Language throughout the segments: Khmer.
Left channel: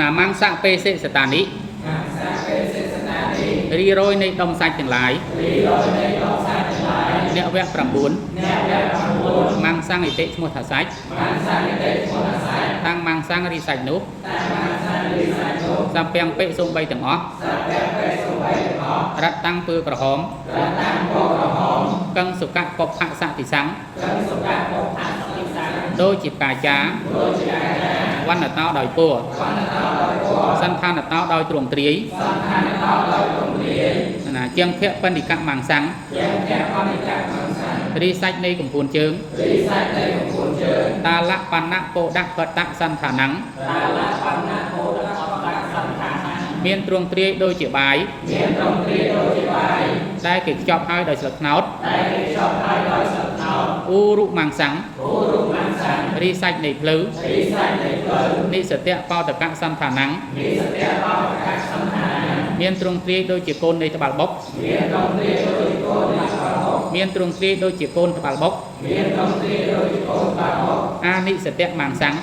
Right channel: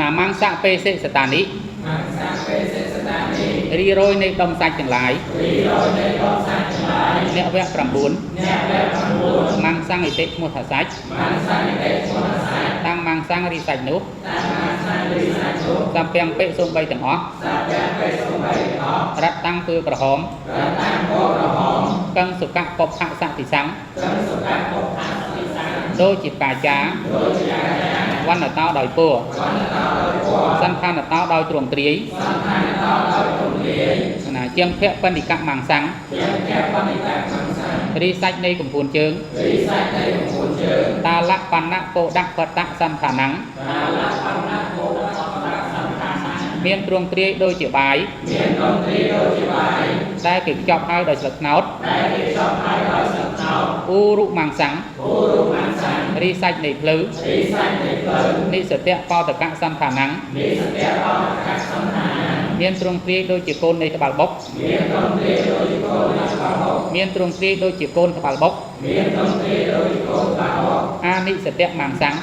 ណាម៉ាំងសាក់ពេសេសតានិរីរយនៃដុំសាច់ទាំងឡាយអ្នកវគ្គ 9 ម៉ាំងសាំងអិតិឈ្មោះថាសាច់ខាងម៉ាំងសាំងរីសាច់នោះតាមពាំងពេសូម3ទាំងអស់រត់តាំងគឺក្រហមកឹងសុកៈពផៈសតិសੰដូចជាកាចាវណ្ណតោដោយពួរសន្តានតោដោយទ្រង់ទ្រាយណាជាងភៈបណ្ឌិកម៉ាំងសាំងរីសាច់នៃកំពួនជើងតាលៈបណ្ណៈពោដៈកតៈសន្តានੰមានទ្រង់ទ្រាយដូចជាបាយដែលគេខ្ចប់ហើយដោយស្លឹកត្នោតឧរុម៉ាំងសាំងរីសាច់នៃភ្លៅនិសតៈបោតកៈសន្តានੰមានទ្រង់ទ្រាយដូចជាកូននៃត្បាល់បុកមានទ្រង់ទ្រាយដូចជាកូនត្បាល់បុកអានិសតៈម៉ាំងសាំង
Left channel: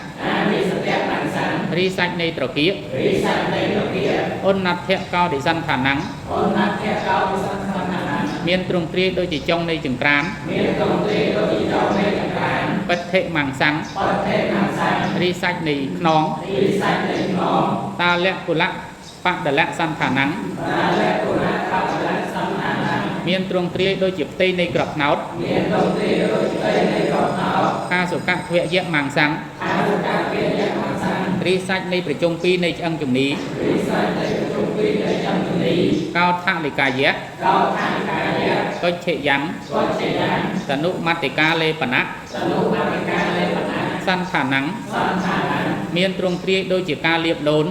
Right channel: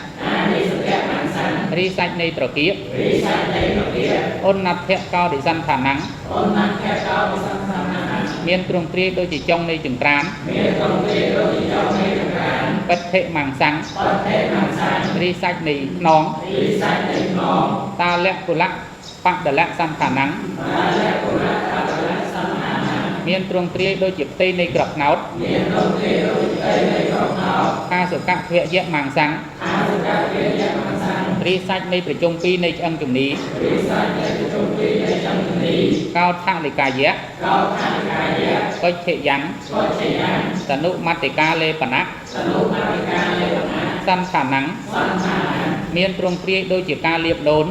រីសាច់នៃត្រគាកអនណដ្ឋៈកោរិសន្តានੰមានទ្រង់ទ្រាយដូចជាចុងនៃចង្ក្រានបិទ្ធិម៉ាំងសាំងរីសាច់នៃខ្នងតាលៈគុលៈបដលៈសន្តានੰមានទ្រង់ទ្រាយដូចជាផ្ទៃនៃក្របត្នោតខាសុកៈភវយៈម៉ាំងសាំងរីសាច់នៃប្រជុំ2នៃឆ្អឹងជំនីកោថលិកាយៈកុច្ឆិយੰតនុមត្តិកាលេបណៈសន្តានੰមានទ្រង់ទ្រាយដូចជាការលាបដូន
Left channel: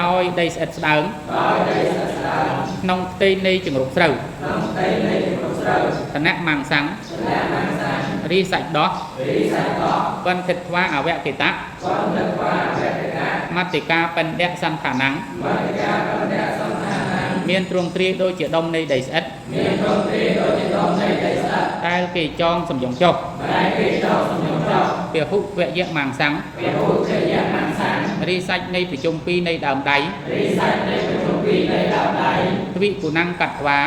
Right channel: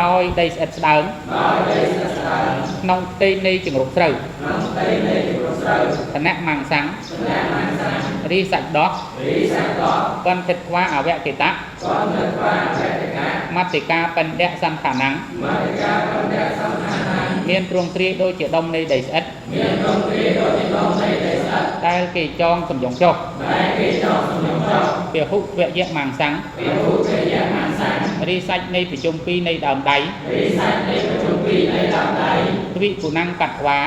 ដោយដីស្អិតស្ដើងក្នុងផ្ទៃនៃចង្រុកស្រូវគណៈម៉ាំងសាំងរីសាច់ដោះបន្តិធ្វាអវកេតៈមត្តិកាបណ្ឌៈសន្តានੰមានទ្រង់ទ្រាយដូចជាដុំនៃដីស្អិតដែលគេចងសំយងចុះពហុវយៈម៉ាំងសាំងរីសាច់នៃប្រជុំ2នៃដើមដៃទ្វិគុណੰកត្វា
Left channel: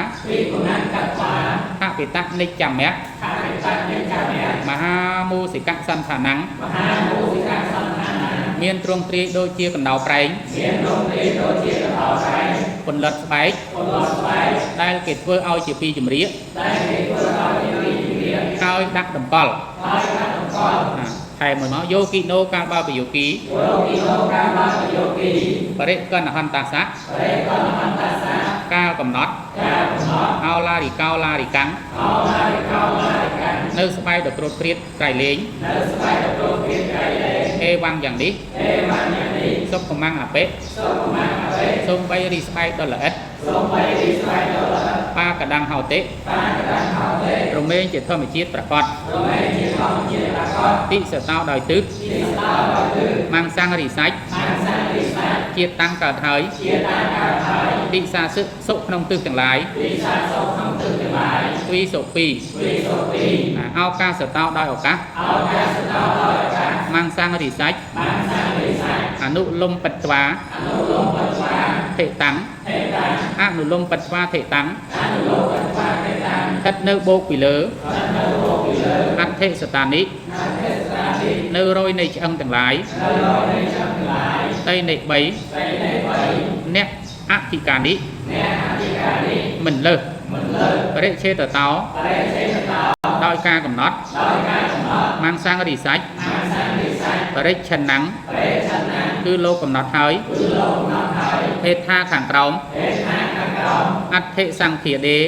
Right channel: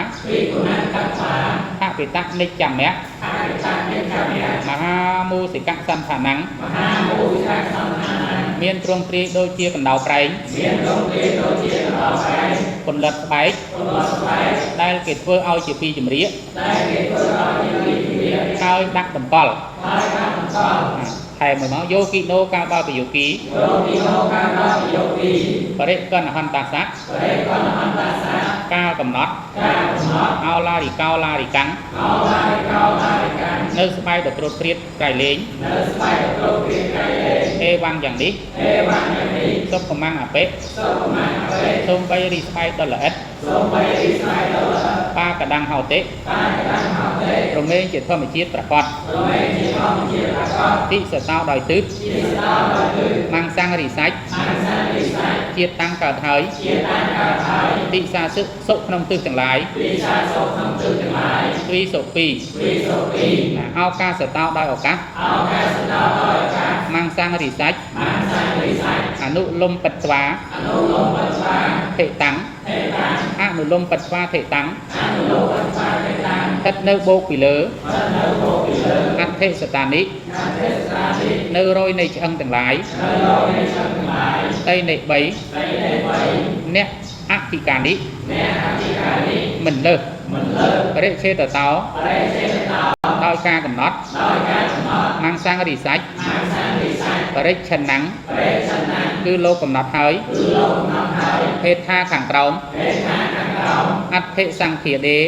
អពិតនិច្ចមៈមហាមូសិកៈសន្តានੰមានទ្រង់ទ្រាយដូចជាកណ្ដោប្រែងពន្លត់ស្បែកដែលគេធ្វើឲ្យជាពីចម្រៀកហើយដាក់តម្កល់ថែមមួយមកយោគីណូកាលបើប្រយោគីបរិកណហន្តាសៈកាលកំណត់អោឡារិកោឡារិកាំងនៅស្បែកដ៏ត្រួតត្រាតក្រៃលែងអេវ៉ាំងយ៉ាងនេះសុខកំងអបិសូមបីរីស្បែកដ៏ល្អិតបាកដាំងហោតិរមែងជាធម្មជាតិប្រកបតិសតោដោយទិសម៉ាំងសាំងរីសាច់ជាតិតាំងកើតហើយតិសាសឹកសុខក្នុងទិសទាំងឡាយទ្វីសុពីឱកាសតោដោយឱកាសម៉ាំងសាំងរីសាច់អនុលំបិត្វាធិតាំងអនុលំបិត្វាធិតាំងស្ថិតនៅបូកពីលើអដ្ឋិសតានិនៅរយនៃឆ្អឹងទាំងឡាយដីនៃ3អ្នកអធិកានិមិនលើសបរិឆេតតោដោយការកំណត់ម៉ាំងសាំងរីសាច់បរិច្ឆន្នੰគឺលោកកំណត់ហើយភេទថាខាងក្រោមអដ្ឋិសង្ឃាដេ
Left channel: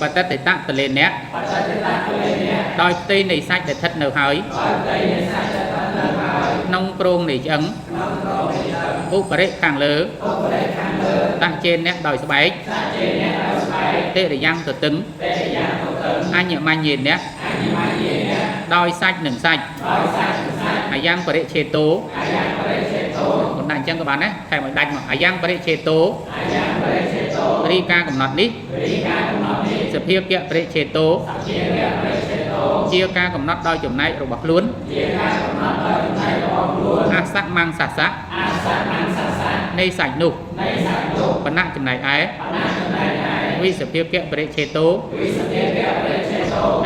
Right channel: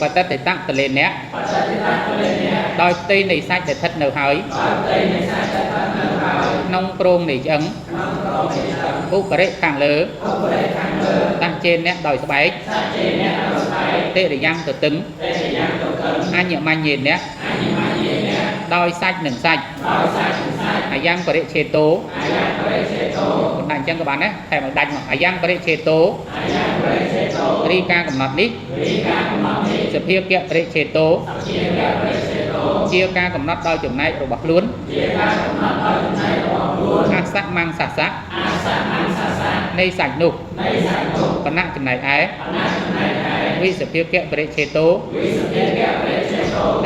បតតិតៈតលេអ្នកដោយផ្ទៃនៃសាច់ដែលស្ថិតនៅហើយក្នុងក្រងនៃឆ្អឹងឧបរិខាងលើតាចេនអ្នកដោយស្បែកតិរិយ៉ាងទទឹងអញ្ញមញ្ញេអ្នកដោយសាច់និងសាច់អាយ៉ាងបរិឆេតោដាក់អញ្ចឹងក៏បានដែរថែមឲ្យដាច់មកអាយ៉ាងបរិឆេតោរីការកំណត់នេះសភាគៈបរិឆេតោ chia ca cầm nát đôi chùm này rồi bật luôn ác sắc mang sạch sắc nay sạch nụ và nặng chùm này ấy vì sự phiêu kẹo bệ chế tố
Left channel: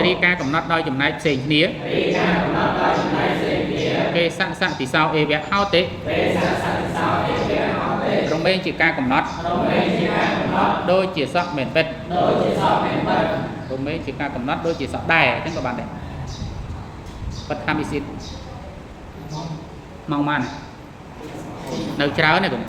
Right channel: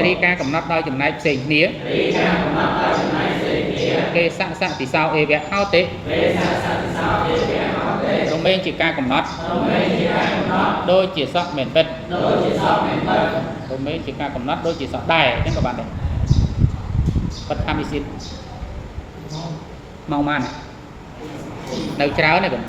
đi ca cầm nát đôi chùm này xình nía kê sẵn sẵn thì sao ê vẹt hao tế đồng bên chỉ ca cầm nát đôi chỉ sọt mền vết đồng bên chỉ ca cầm nát đôi chỉ sọt đài trên các bạn này vật tham xin mau man này nấu cháo này cũng